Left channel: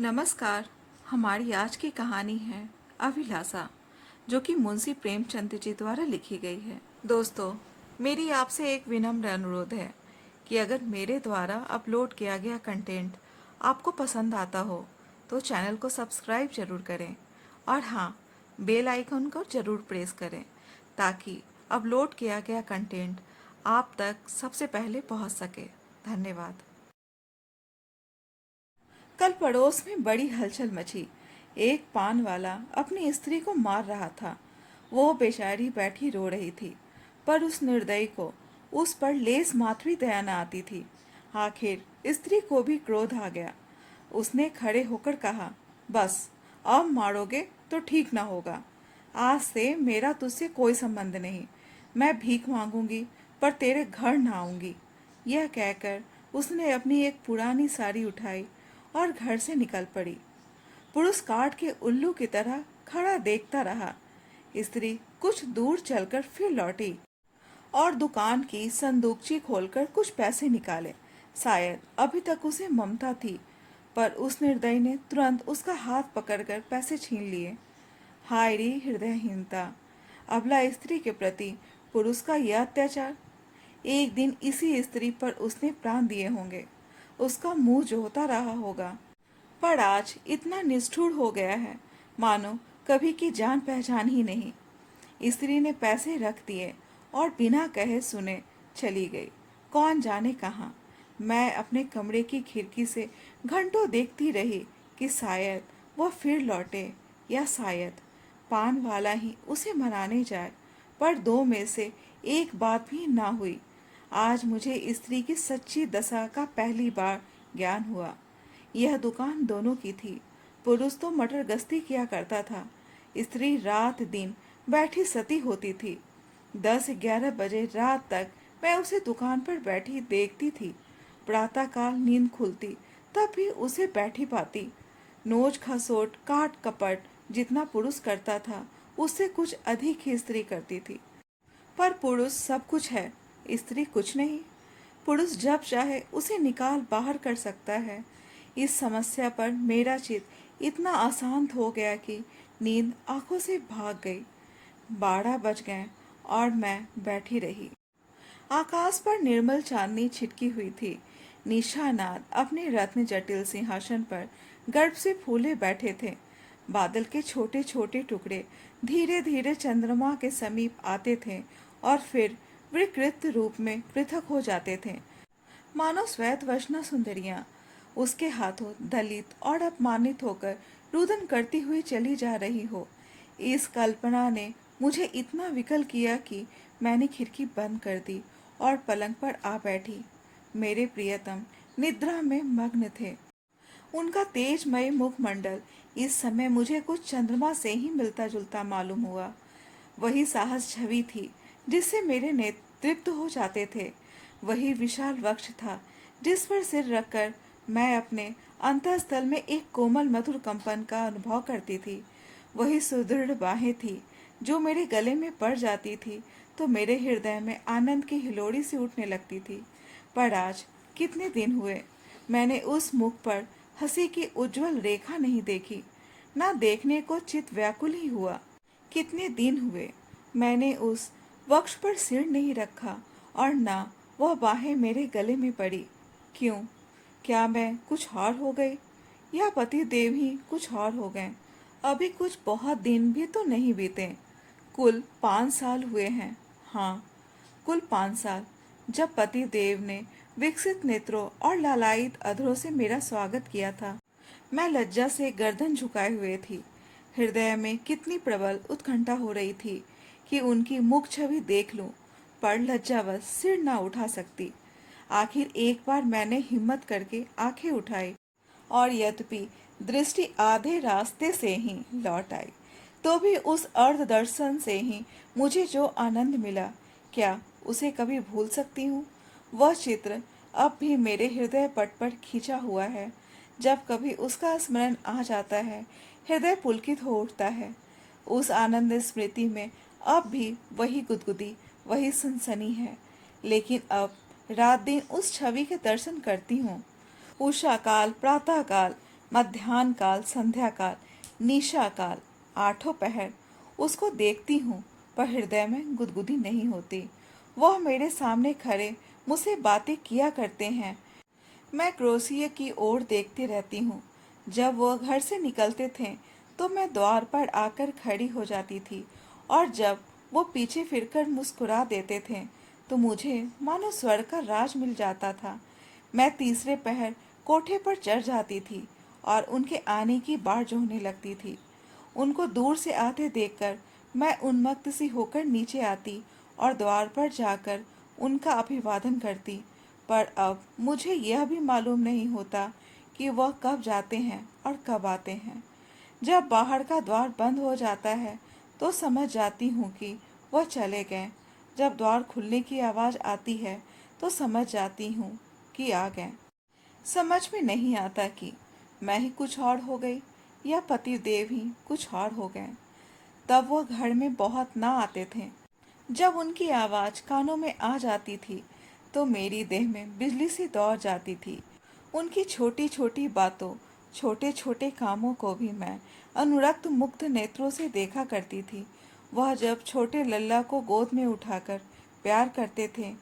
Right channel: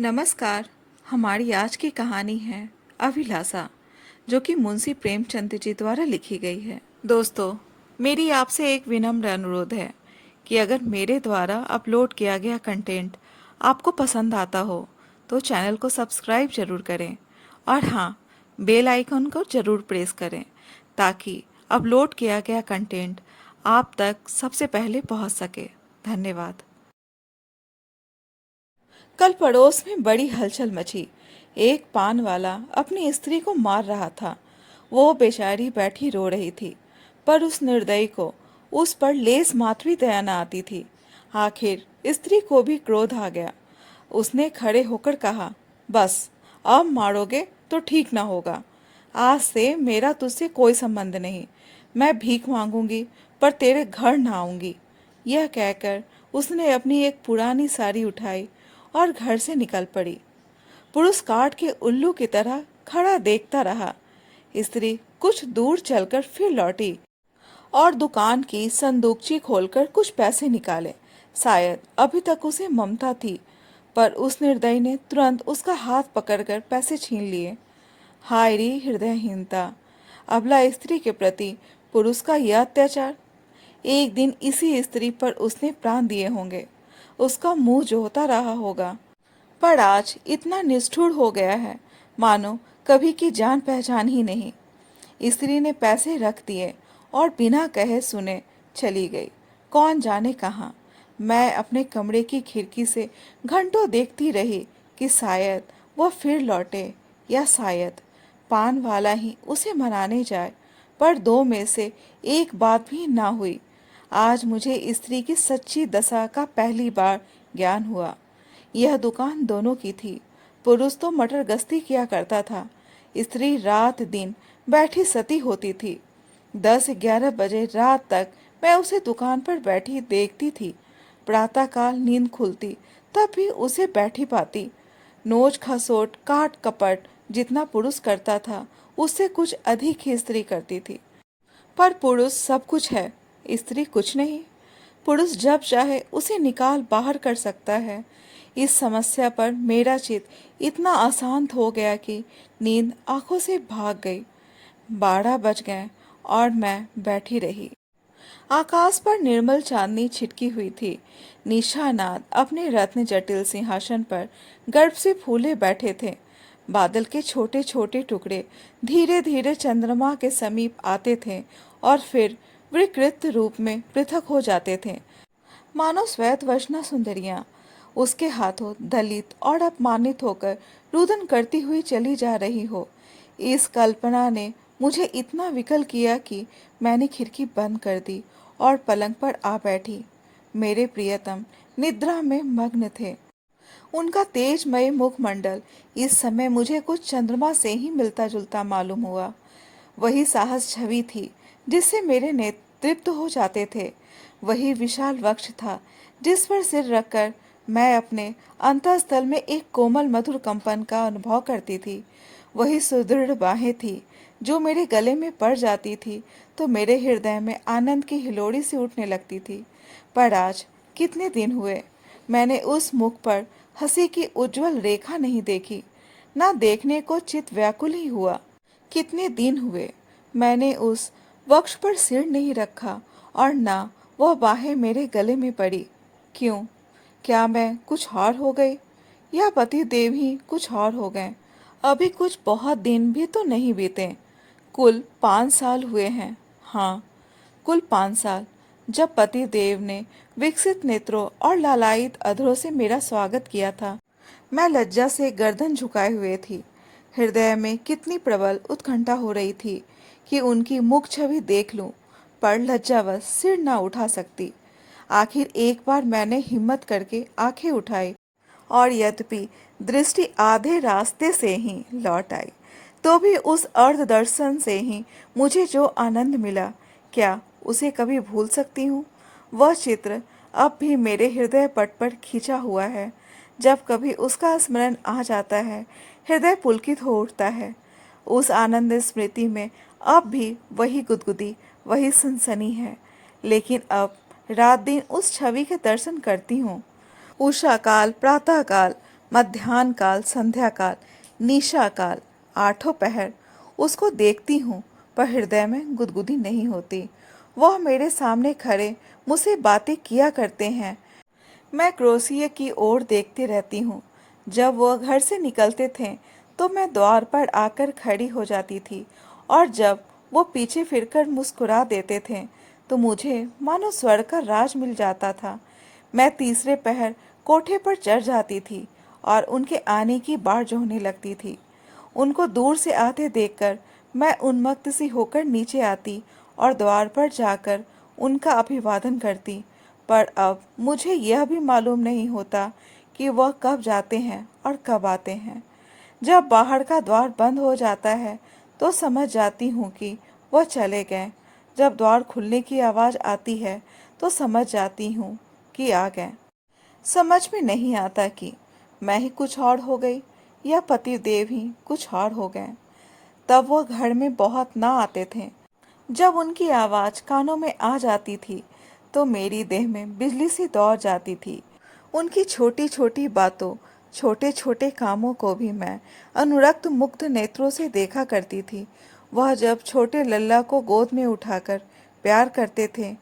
नमस्कार। हमारी आज की कहानी है अभिलाषा, जो कि मुंशी प्रेमचंद जी द्वारा लिखी गई है। दोस्तों, मेरी आपसे एक विनम्र अनुरोध है कि अगर मेरे द्वारा अपलोड किया गया कंटेंट आपको पसंद आता हो तो चैनल को सब्सक्राइब जरूर करें और हाँ, बेल आइकन को जरूर प्रेस करें ताकि अपलोड किया गया कंटेंट आप तक सबसे पहले पहुंच सके। धन्यवाद। कल पड़ोस में बड़ी हलचल मची। एक पान वाला अपनी स्त्री को मार रहा था। वो बेचारी बैठी रो रही थी, पर उस निर्दयी को उस पर लेस मात्र भी दया न आती थी। आखिर स्त्री को भी क्रोध आ गया। उसने खड़े होकर कहा, बस अब मारोगे तो ठीक ना होगा। आज से मेरा तुझसे कोई संबंध नहीं। मैं भीख मांगूंगी पर तेरे घर ना आऊंगी। यह कहकर उसने अपनी एक पुरानी साड़ी उठाई और घर से निकल पड़ी। पुरुष काठ के उल्लू की तरह खड़ा देखता रहा। स्त्री कुछ दूर चलकर फिर लौटी और दुकान की संदूकची खोलकर कुछ पैसे निकाले। शायद अभी तक उसे ममता थी, पर उस निर्दयी ने तुरंत उसका हाथ पकड़कर पैसे छीन लिए। हाय रे हृदयहीनता! अबला स्त्री के प्रति पुरुष का यह अत्याचार! एक दिन इसी स्त्री पर उसने प्राण दिए होंगे। उसका मुंह जोता रहा होगा, पर आज इतना निष्ठुर हो गया है मानो कभी की जान पहचान ही नहीं। स्त्री ने पैसे रख दिए और बिना कहे सुने चली गई, कौन जाने कहाँ। मैं अपने कमरे की खिड़की से घंटों देखती रही कि शायद वह फिर लौटे या शायद पान वाला ही उसे मनाने जाए, पर दो में से एक बात भी ना हुई। आज मुझे स्त्री की सच्ची दशा का पहली बार ज्ञान हुआ। यह दुकान दोनों की थी। पुरुष तो मटर गश्ती किया करता था, स्त्री रात दिन बैठी सती होती थी। 10-11 बजे रात तक मैं उसे दुकान पर बैठी देखती थी। प्रातःकाल नींद खुलती तब भी उसे बैठी पाती। नोच खसोट काट कपट जितना पुरुष करता था, उससे कुछ अधिक ही स्त्री करती थी। पर पुरुष सब कुछ है, स्त्री कुछ नहीं। पुरुष जब चाहे उसे निकाल बाहर कर सकता है। इस समस्या पर मेरा चित्त इतना अशांत हो गया कि नींद आंखों से भाग गई। 12 बज गए और मैं बैठी रही। आकाश पर निर्मल चांदनी छिटकी हुई थी। निशानाथ अपने रत्न जटिल सिंहासन पर गर्भ से फूले बैठे थे। बादल के छोटे छोटे टुकड़े धीरे धीरे चंद्रमा के समीप आते थे और फिर विकृत रूप में पृथक हो जाते थे, मानो श्वेत वचना सुंदरियां उसके हाथों दलित और अपमानित होकर रुदन करती हुई चली जा रही हो। इस कल्पना ने मुझे इतना विकल किया कि मैंने खिड़की बंद कर दी और पलंग पर आ बैठी। मेरे प्रियतम निद्रा में मग्न थे। उनका तेजमय मुखमंडल इस समय मुझे कुछ चंद्रमा से ही मिलता जुलता मालूम हुआ। वही साहस छवि थी जिससे मेरे नेत्र तृप्त हो जाते थे। वही विशाल वक्ष था जिस पर सिर रखकर मैं अपने अंतःस्थल में एक कोमल मधुर कंपन का अनुभव करती थी। वही सुदृढ़ बाहें थी जो मेरे गले में पड़ जाती थी तो मेरे हृदय में आनंद की हिलोड़ी सी उठने लगती थी। पर आज कितने दिन हुए मैंने उस मुख पर हंसी की उज्जवल रेखा नहीं देखी। ना देखने को चित व्याकुल ही हुआ। कितने दिन हुए मैंने उस वक्ष पर सिर नहीं रखा और ना वह बाहें मेरे गले में पड़ी। क्यों? क्या मैं कुछ और हो गई या पति देव ही कुछ और हो गए? अभी कुछ बहुत दिन भी तो नहीं बीते। कुल 5 साल हुए हैं। हाँ, कुल 5 साल जब पति देव ने विकसित नेत्रों और लालायित अधरों से मेरा स्वागत किया था। मैं लज्जा से गर्दन झुकाए हुए थी। हृदय में कितनी प्रबल उत्कंठा हो रही थी कि उनकी मुख छवि देख लूं, पर लज्जावश सिर ना उठा सकती। आखिर एक बार मैंने हिम्मत करके आंखें उठाई और यद्यपि दृष्टि आधे रास्ते से ही लौट आई, तो भी उस अर्ध दर्शन से ही मुझे जो आनंद मिला, क्या उसे कभी भूल सकती हूँ? वह चित्र अब भी मेरे हृदय पट पर खींचा हुआ है। जब कभी उसका स्मरण आ जाता है, हृदय पुलकित हो उठता है। उस आनंद स्मृति में अब भी वही गुदगुदी, वही सनसनी है, लेकिन अब रात दिन उस छवि के दर्शन करती हूँ। उषा काल प्रातः काल मध्याह्न काल, संध्या काल, निशा काल, आठों पहर उसको देखती हूँ, पर हृदय में गुदगुदी नहीं होती। वह मेरे सामने खड़े मुझसे बातें किया करते हैं। मैं क्रोशिया की ओर देखती रहती हूँ। जब वह घर से निकलते थे तो मैं द्वार पर आकर खड़ी हो जाती थी, और जब वो पीछे फिरकर मुस्कुरा देते थे तो मुझे मानो स्वर्ग का राज मिल जाता था। मैं तीसरे पहर कोठे पर चढ़ जाती थी और उनके आने की बाट जोहने लगती थी। उनको दूर से आते देखकर मैं उन्मत्त सी होकर नीचे आती और द्वार पर जाकर उनका अभिवादन करती। पर अब मुझे यह भी मालूम नहीं होता कि वह कब जाते हैं और कब आते हैं। जब बाहर का द्वार बंद हो जाता है तो समझ जाती हूँ कि वह चले गए। जब द्वार खुलने की आवाज़ आती है तो समझ जाती हूँ कि आ गए। समझ में नहीं आता कि मैं ही कुछ और हो गई या पति देव ही कुछ और हो गए। तब वह घर में बहुत ना आते थे। जब उनकी आवाज़ कानों में आ जाती थी तो मेरी देह में बिजली सी दौड़ जाती थी। उनकी छोटी छोटी बातों, छोटे छोटे कामों को भी मैं अनुरक्त मुग्ध नेत्रों से देखा करती थी। वह जब छोटे लल्ला को गोद में उठाकर प्यार करते थे,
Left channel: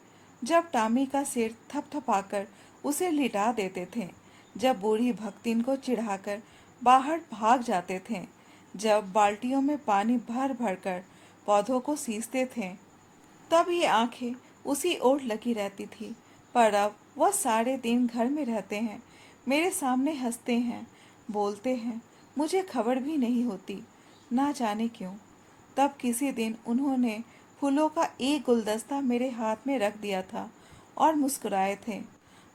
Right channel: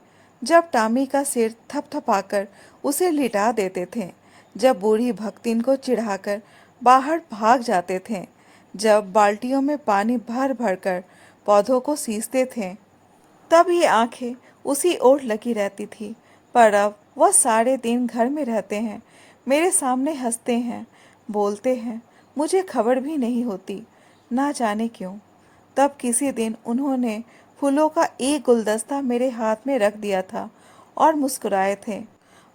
जब टामी का सिर थपथपाकर उसे लिटा देते थे, जब बूढ़ी भक्तिन को चिढ़ाकर बाहर भाग जाते थे, जब बाल्टियों में पानी भर भर कर पौधों को सींचते थे, तब ये आंखें उसी ओर लगी रहती थी। पर अब वह सारे दिन घर में रहते हैं, मेरे सामने हंसते हैं, बोलते हैं, मुझे खबर भी नहीं होती, ना जाने क्यों। तब किसी दिन उन्होंने फूलों का एक गुलदस्ता मेरे हाथ में रख दिया था और मुस्कुराए थे।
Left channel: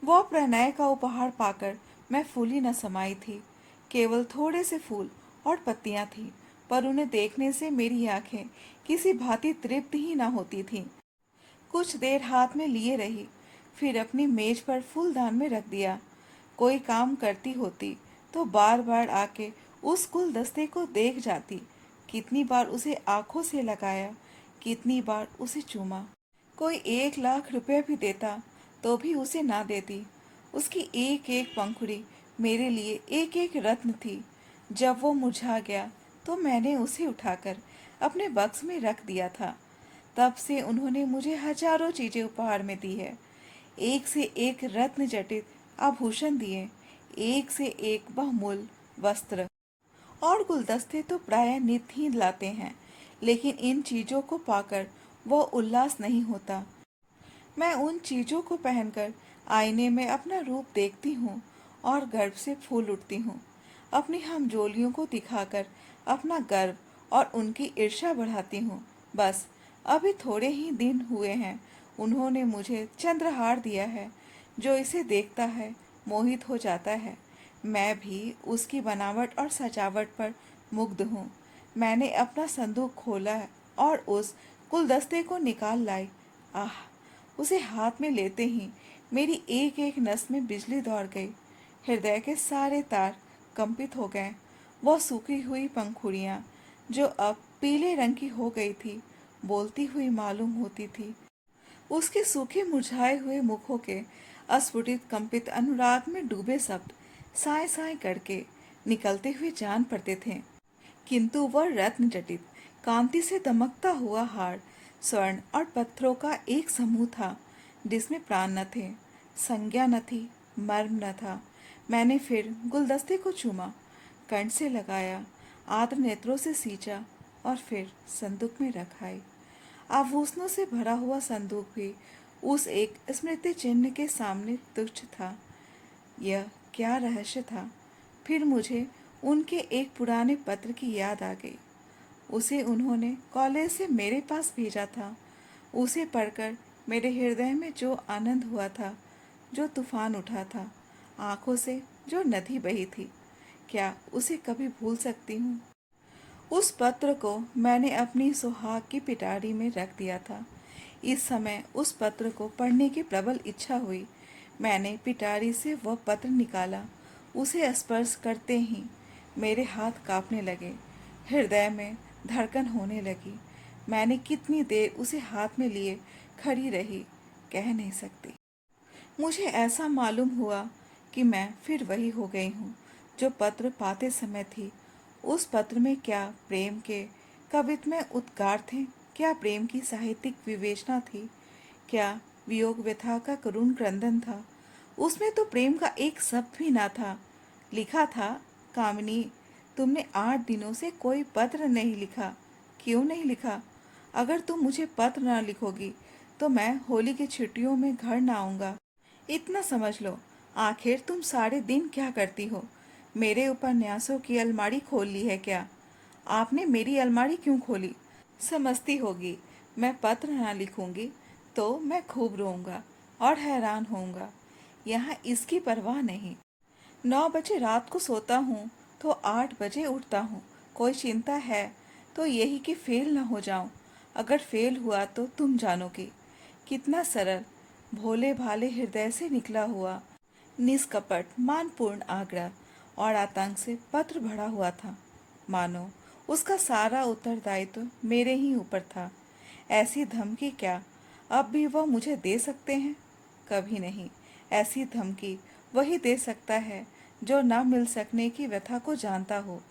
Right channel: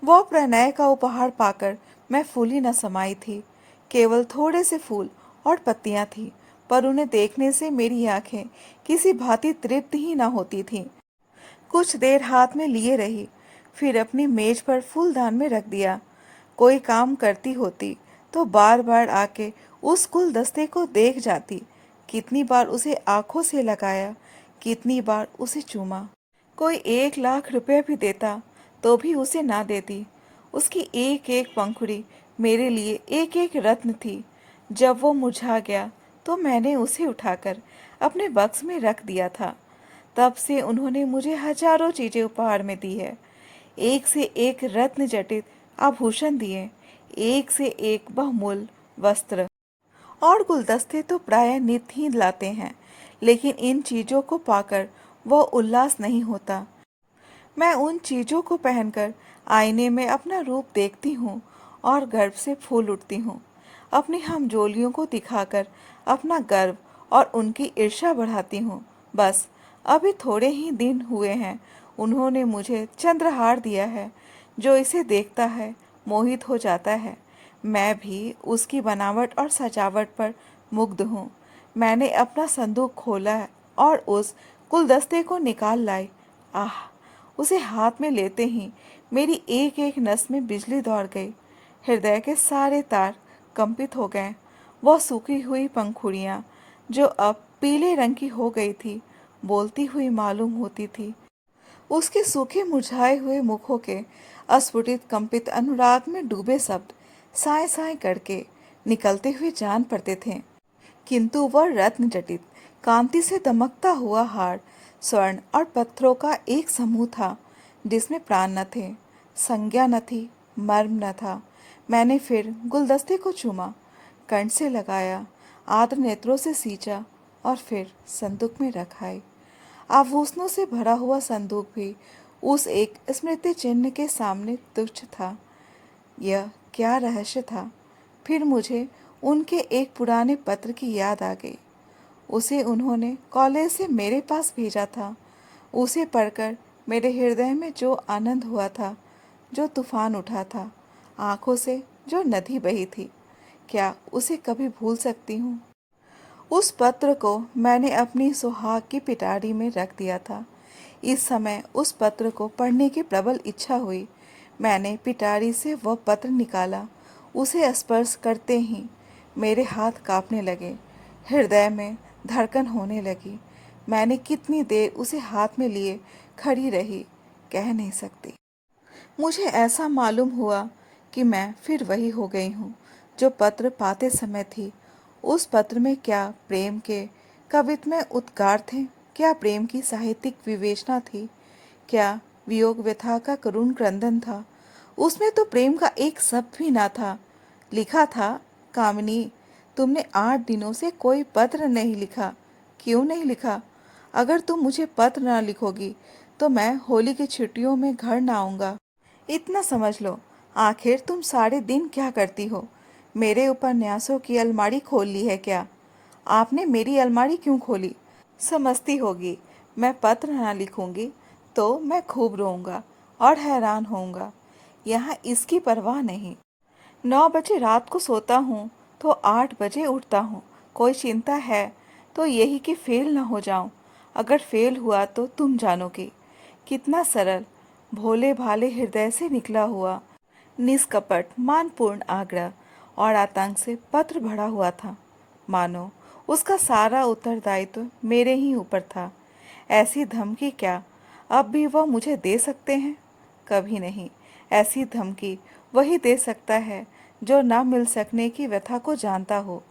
वह प्रणय का उपहार पाकर मैं फूली न समाई थी। केवल थोड़े से फूल और पत्तियां थी, पर उन्हें देखने से मेरी आंखें किसी भांति तृप्त ही न होती थीं। कुछ देर हाथ में लिए रही, फिर अपनी मेज पर फूलदान में रख दिया। कोई काम करती होती तो बार बार आके उस गुलदस्ते को देख जाती। कितनी बार उसे आंखों से लगाया, कितनी बार उसे चूमा। कोई 1 लाख रुपए भी देता तो भी उसे ना देती। उसकी एक एक पंखुड़ी मेरे लिए एक एक रत्न थी। जब वो मुरझा गया तो मैंने उसे उठाकर अपने बक्स में रख दिया था। तब से उन्होंने मुझे हजारों चीजें उपहार में दी है। एक से एक रत्न जटित आभूषण दिए, एक से एक बहुमूल्य वस्त्र और गुलदस्ते तो प्राय नित्य ही लाते हैं, लेकिन इन चीजों को पाकर वह उल्लास नहीं होता। मैं उन चीजों को पहनकर आईने में अपना रूप देखती हूँ और गर्व से फूल उठती हूँ। अपनी हमजोलियों को दिखाकर अपना गर्व और उनकी ईर्ष्या बढ़ाती हूँ। बस अभी थोड़े ही दिन हुए हैं, उन्होंने मुझे चंद्रहार दिया है। जो इसे देखता है मोहित हो जाता है। मैं भी उसकी बनावट और सजावट पर मुग्ध हूँ। मैंने अपना संदूक खोला है और उस गुलदस्ते को निकाल लाई। आह! उसे हाथ में लेते ही मेरी एक एक नस में बिजली दौड़ गई। हृदय के सारे तार कंपित हो गए। वह सूखी हुई पंखुड़ियां जो अब पीले रंग की हो गई थी, बोलती हुई मालूम होती थी। उसके सूखे मुरझाए हुए मुखों के अस्फुटित कंपित अनुराग में डूबे शब्द साए साए करके निकलते हुए जान पड़ते थे। किंतु वह रत्न जटित कांति से दमकता हुआ हार स्वर्ण और पत्थरों का एक समूह था, जिसमें प्राण न थे, संज्ञा न थी, मर्म न था। मैंने फिर गुलदस्ते को चूमा, कंठ से लगाया, आर्द्र नेत्रों से सींचा और फिर संदूक में रखाई। आभूषणों से भरा हुआ संदूक भी उस एक स्मृति चिन्ह के सामने तुच्छ था। यह क्या रहस्य था? फिर मुझे उनके एक पुराने पत्र की याद आ गई। उसे उन्होंने कॉलेज से मेरे पास भेजा था। उसे पढ़कर मेरे हृदय में जो आनंद हुआ था, जो तूफान उठा था, आंखों से जो नदी बही थी, क्या उसे कभी भूल सकती हूँ? उस पत्र को मैंने अपनी सुहाग की पिटारी में रख दिया था। इस समय उस पत्र को पढ़ने की प्रबल इच्छा हुई। मैंने पिटारी से वह पत्र निकाला। उसे स्पर्श करते ही मेरे हाथ कांपने लगे, हृदय में धड़कन होने लगी। मैंने कितनी देर उसे हाथ में लिए खड़ी रही, कह नहीं सकती। मुझे ऐसा मालूम हुआ कि मैं फिर वही हो गई हूँ जो पत्र पाते समय थी, उस पत्र में क्या प्रेम के कवित्वमय उद्गार थे, क्या प्रेम की साहित्यिक विवेचना थी, क्या वियोग व्यथा का करुण क्रंदन था। उसमें तो प्रेम का एक शब्द भी ना था। लिखा था, कामिनी, तुमने 8 दिनों से कोई पत्र नहीं लिखा। क्यों नहीं लिखा? अगर तुम मुझे पत्र ना लिखोगी तो मैं होली की छुट्टियों में घर ना आऊंगा। इतना समझ लो। आखिर तुम सारे दिन क्या करती हो? मेरे उपन्यासों की अलमारी खोल ली है क्या? आपने मेरी अलमारी क्यों खोली? समझती होगी मैं पत्र ना लिखूंगी तो मैं खूब रोऊंगा और हैरान होऊंगा। यहाँ इसकी परवाह नहीं। 9 बजे रात को सोता हूँ तो 8 बजे उठता हूँ। कोई चिंता है तो यही कि फेल न हो जाऊं। अगर फेल हुआ तो तुम जानोगे। कितना सरल, भोले भाले हृदय से निकला हुआ, निष्कपट, मानपूर्ण आग्रह और आतंक से पत्र भरा हुआ था। मानो उसका सारा उत्तरदायित्व मेरे ही ऊपर था। ऐसी धमकी क्या अब भी वह मुझे दे सकते हैं? कभी नहीं। ऐसी धमकी वही दे सकता है जो ना मिल सकने की व्यथा को जानता हो,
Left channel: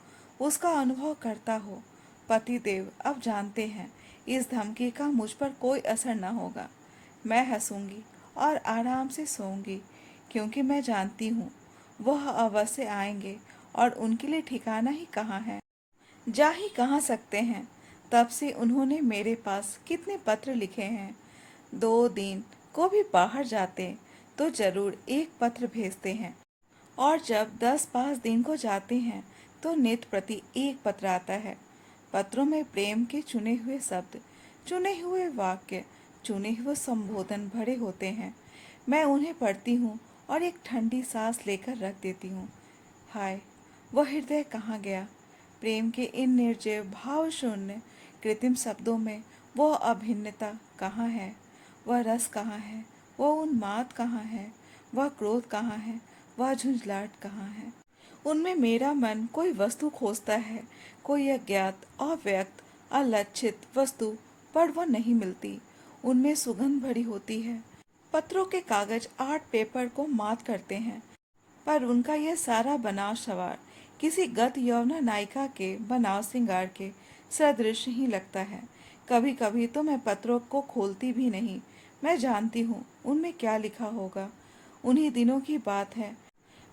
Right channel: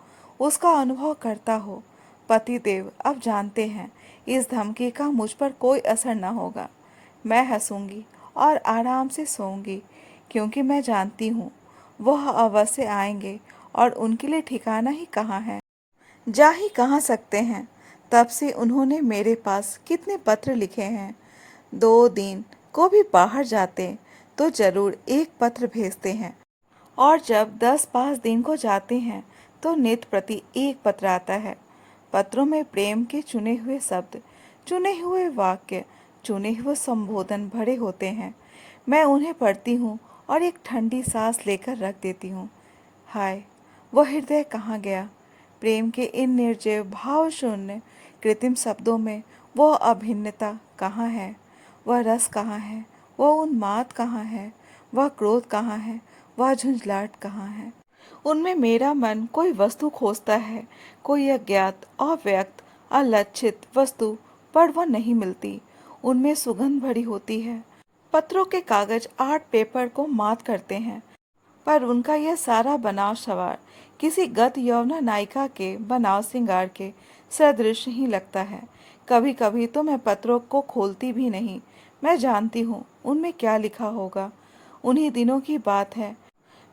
उसका अनुभव करता हो। पतिदेव अब जानते हैं इस धमकी का मुझ पर कोई असर न होगा। मैं हंसूंगी और आराम से सोऊंगी, क्योंकि मैं जानती हूँ वह अवश्य आएंगे और उनके लिए ठिकाना ही कहाँ है, जा ही कहाँ सकते हैं। तब से उन्होंने मेरे पास कितने पत्र लिखे हैं। 2 दिन को भी बाहर जाते तो जरूर एक पत्र भेजते हैं, और जब 10-5 दिन को जाते हैं तो नित प्रति एक पत्र आता है। पत्रों में प्रेम के चुने हुए शब्द, चुने हुए वाक्य, चुने हुए संबोधन भरे होते हैं। मैं उन्हें पढ़ती हूँ और एक ठंडी सांस लेकर रख देती हूँ। हाय, वह हृदय कहाँ गया? प्रेम के इन निर्जीव भाव शून्य कृत्रिम शब्दों में वह अभिन्नता कहाँ है? वह रस कहाँ है? वह उन्माद कहाँ है? वह क्रोध कहाँ है? वह झुंझलाहट कहाँ है? उनमें मेरा मन कोई वस्तु खोजता है, कोई अज्ञात, अव्यक्त, अलक्षित वस्तु, पर वह नहीं मिलती। उनमें सुगंध भरी होती है। पत्रों के कागज आर्ट पेपर को मात करते हैं, पर उनका यह सारा बनाव सवार किसी गत यौवना नायिका के बनाव श्रृंगार के सदृश ही लगता है। कभी कभी तो मैं पत्रों को खोलती भी नहीं। मैं जानती हूँ उनमें क्या लिखा होगा। उन्हीं दिनों की बात है,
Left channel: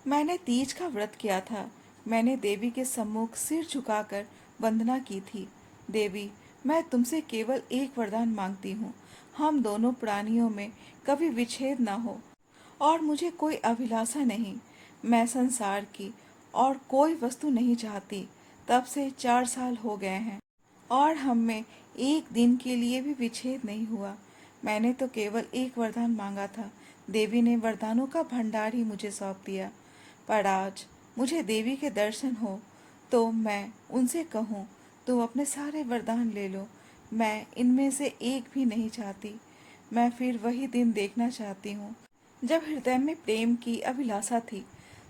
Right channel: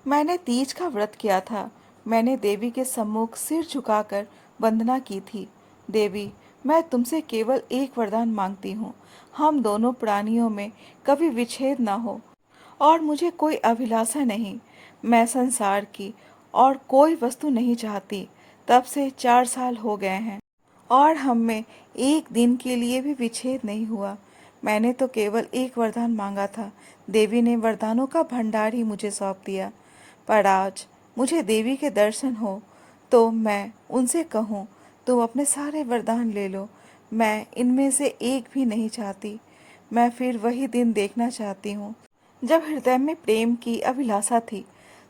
मैंने तीज का व्रत किया था। मैंने देवी के सम्मुख सिर झुकाकर वंदना की थी। देवी, मैं तुमसे केवल एक वरदान मांगती हूँ। हम दोनों प्राणियों में कभी विच्छेद न हो, और मुझे कोई अभिलाषा नहीं। मैं संसार की और कोई वस्तु नहीं चाहती। तब से 4 साल हो गए हैं और हम में एक दिन के लिए भी विच्छेद नहीं हुआ। मैंने तो केवल एक वरदान मांगा था। देवी ने वरदानों का भंडार ही मुझे सौंप दिया। पर आज मुझे देवी के दर्शन हो तो मैं उनसे कहूँ, तुम अपने सारे वरदान ले लो। मैं इनमें से एक भी नहीं चाहती। मैं फिर वही दिन देखना चाहती हूँ जब हृदय में प्रेम की अभिलाषा थी।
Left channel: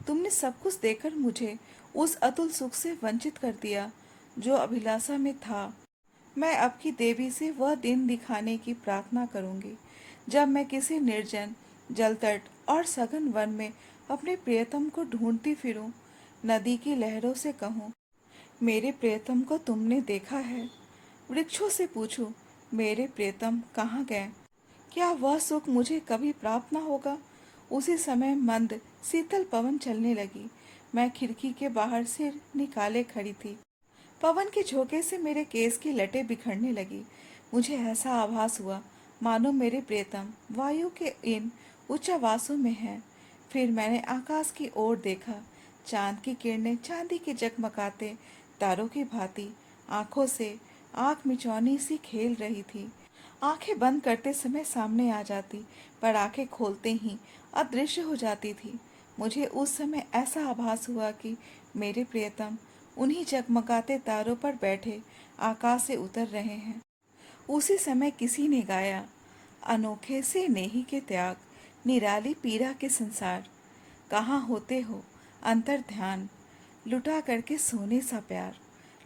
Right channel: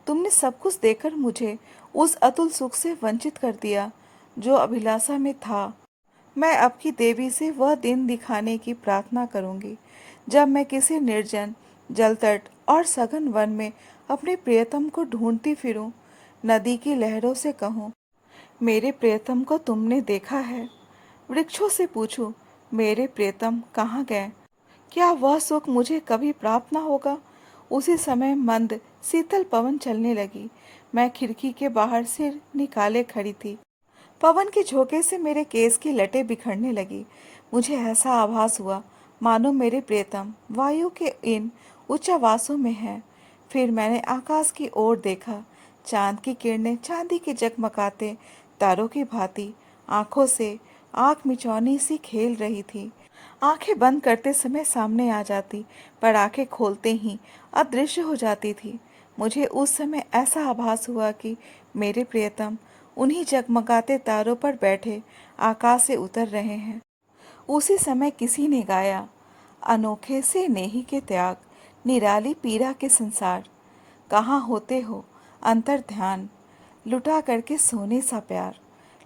तुमने सब कुछ देकर मुझे उस अतुल सुख से वंचित कर दिया जो अभिलाषा में था। मैं अब की देवी से वह दिन दिखाने की प्रार्थना करूंगी जब मैं किसी निर्जन जलतट और सघन वन में अपने प्रियतम को ढूंढती फिरूं। नदी की लहरों से कहूं, मेरे प्रियतम को तुमने देखा है? वृक्षों से पूछूं, मेरे प्रियतम कहाँ गए? क्या वह सुख मुझे कभी प्राप्त न होगा? उसी समय मंद शीतल पवन चलने लगी। मैं खिड़की के बाहर सिर निकाले खड़ी थी। पवन के झोंके से मेरे केस की लटें बिखरने लगी। मुझे ऐसा आभास हुआ मानो मेरे प्रियतम वायु के इन उच्चावासों में हैं। फिर मैंने आकाश की ओर देखा। चांद की किरणें चांदी के जगमगाते तारों की भांति आंखों से आंख मिचौनी सी खेल रही थी। आंखें बंद करते समय सामने आ जाती, पर आंखें खोलते ही अदृश्य हो जाती थी। मुझे उस समय ऐसा आभास हुआ कि मेरे प्रियतम उन्हीं जगमगाते तारों पर बैठे आकाश से उतर रहे हैं। उसी समय किसी ने गाया, अनोखे से नेही के त्याग, निराली पीरा के संसार, कहाँ होते हो अंतर ध्यान, लुटा करके सोने सा प्यार,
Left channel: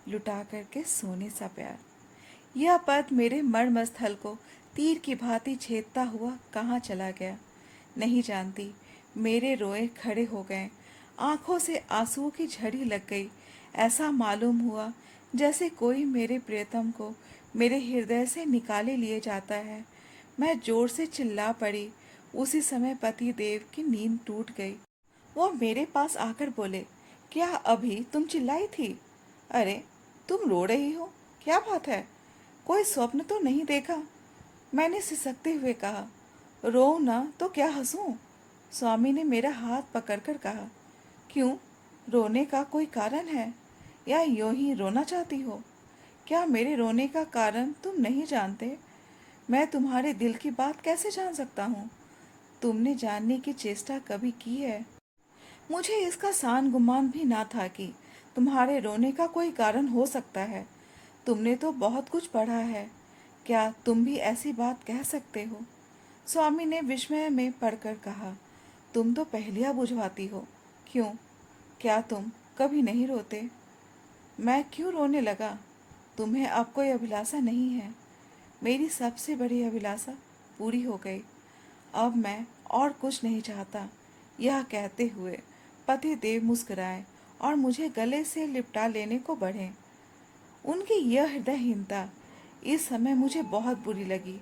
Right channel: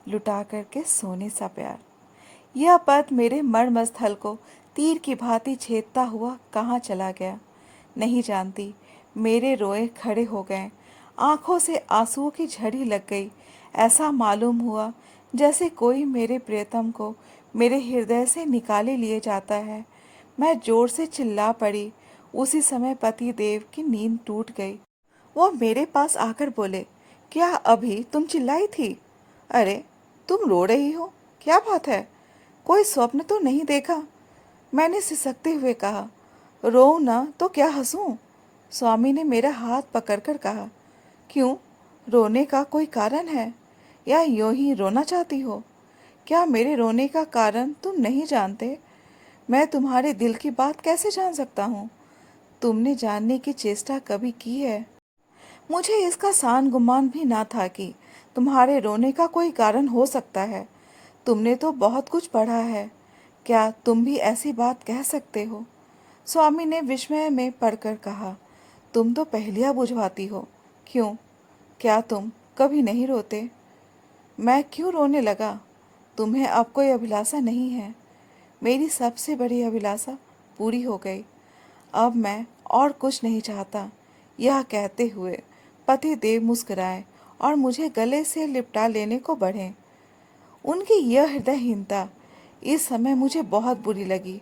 लुटा करके सोने सा प्यार। यह पद मेरे मर्मस्थल को तीर की भांति छेदता हुआ कहाँ चला गया, नहीं जानती। मेरे रोए खड़े हो गए। आंखों से आंसुओं की झड़ी लग गई। ऐसा मालूम हुआ जैसे कोई मेरे प्रियतम को मेरे हृदय से निकाले लिए जाता है। मैं जोर से चिल्ला पड़ी। उसी समय पति देव की नींद टूट गई। वो मेरे पास आकर बोले, क्या अभी तुम चिल्लाई थी? अरे, तुम रो रही हो, क्या बात है? कोई स्वप्न तो नहीं देखा? मैंने सिसकते हुए कहा। रो ना तो क्या हंसूं? स्वामी ने मेरा हाथ पकड़कर कहा। क्यों, रोने का कोई कारण है या यूं ही रोना चाहती हो? क्या मेरे रोने का कारण तुम नहीं जानते? मैं तुम्हारे दिल की बात कैसे जान सकता हूँ? तुमने जानने की चेष्टा कभी की है? मुझे इसका सान गुमान भी ना था कि तुम्हारे रोने का कोई कारण हो सकता है। तुमने तो बहुत कुछ पढ़ा है, क्या तुम भी ऐसी बात कह सकते हो? स्वामी ने विस्मय में पढ़कर कहा। तुम तो पहेलियां बुझवाती हो। क्यों, क्या तुम कभी नहीं रोते? मैं क्यों रोने लगा? तुम्हें अब कोई अभिलाषा नहीं है। मेरी सबसे बड़ी अभिलाषा पूरी हो गई। अब मैं और कुछ नहीं चाहता। यह कहते हुए पति देव मुस्कुराए और मुझे गले से लिपटा लेने को बढ़े। उनकी यह हृदयहीनता इस समय मुझे बहुत बुरी लगी।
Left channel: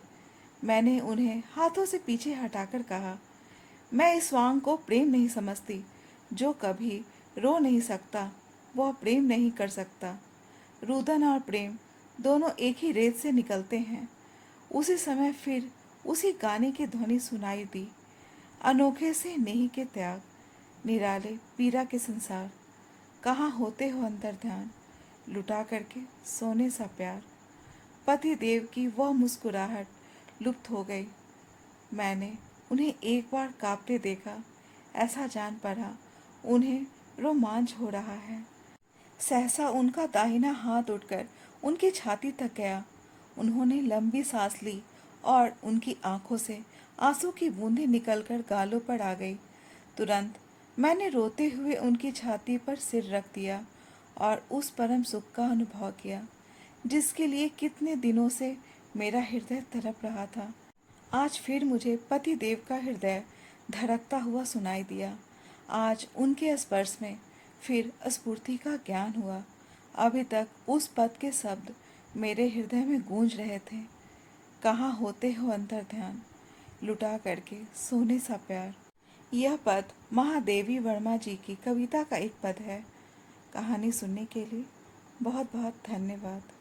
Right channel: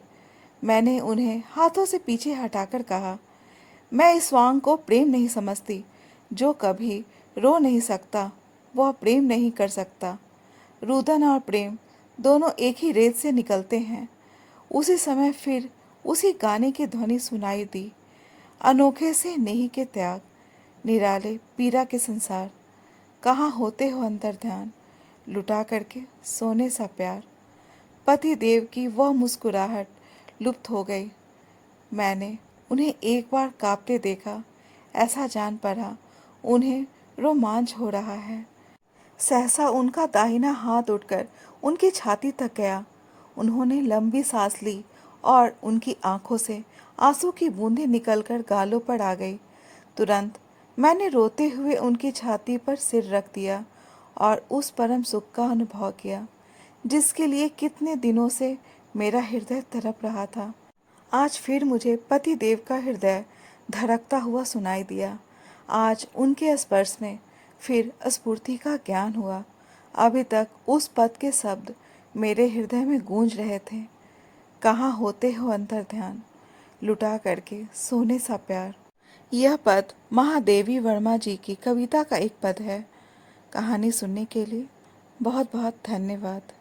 मैंने उन्हें हाथों से पीछे हटाकर कहा, मैं इस स्वांग को प्रेम नहीं समझती। जो कभी रो नहीं सकता वह प्रेम नहीं कर सकता। रुदन और प्रेम दोनों एक ही रेत से निकलते हैं। उसी समय फिर उसी गाने की ध्वनि सुनाई दी। अनोखे से नेही के त्याग, निराले पीरा के संसार, कहाँ होते हो अंतर्ध्यान, लुटा करके सोने सा प्यार। पति देव की वह मुस्कुराहट लुप्त हो गई। मैंने उन्हें एक बार कांपते देखा। ऐसा जान पड़ा उन्हें रोमांच हो रहा है। सहसा उनका दाहिना हाथ उठकर उनकी छाती तक गया। उन्होंने लंबी सांस ली और उनकी आंखों से आंसू की बूंदें निकलकर गालों पर आ गई। तुरंत मैंने रोते हुए उनकी छाती पर सिर रख दिया और उस परम सुख का अनुभव किया जिसके लिए कितने दिनों से मेरा हृदय तड़प रहा था। आज फिर मुझे पति देव का हृदय धड़कता हुआ सुनाई दिया। आज उनके स्पर्श में फिर स्फूर्ति का ज्ञान हुआ। अभी तक उस पद के शब्द मेरे हृदय में गूंज रहे थे। कहाँ होते हो अंतर्ध्यान, लुटा करके सोने सा प्यार। यह पद महादेवी वर्मा जी की कविता का एक पद है। कहानी सुनने के लिए बहुत बहुत धन्यवाद।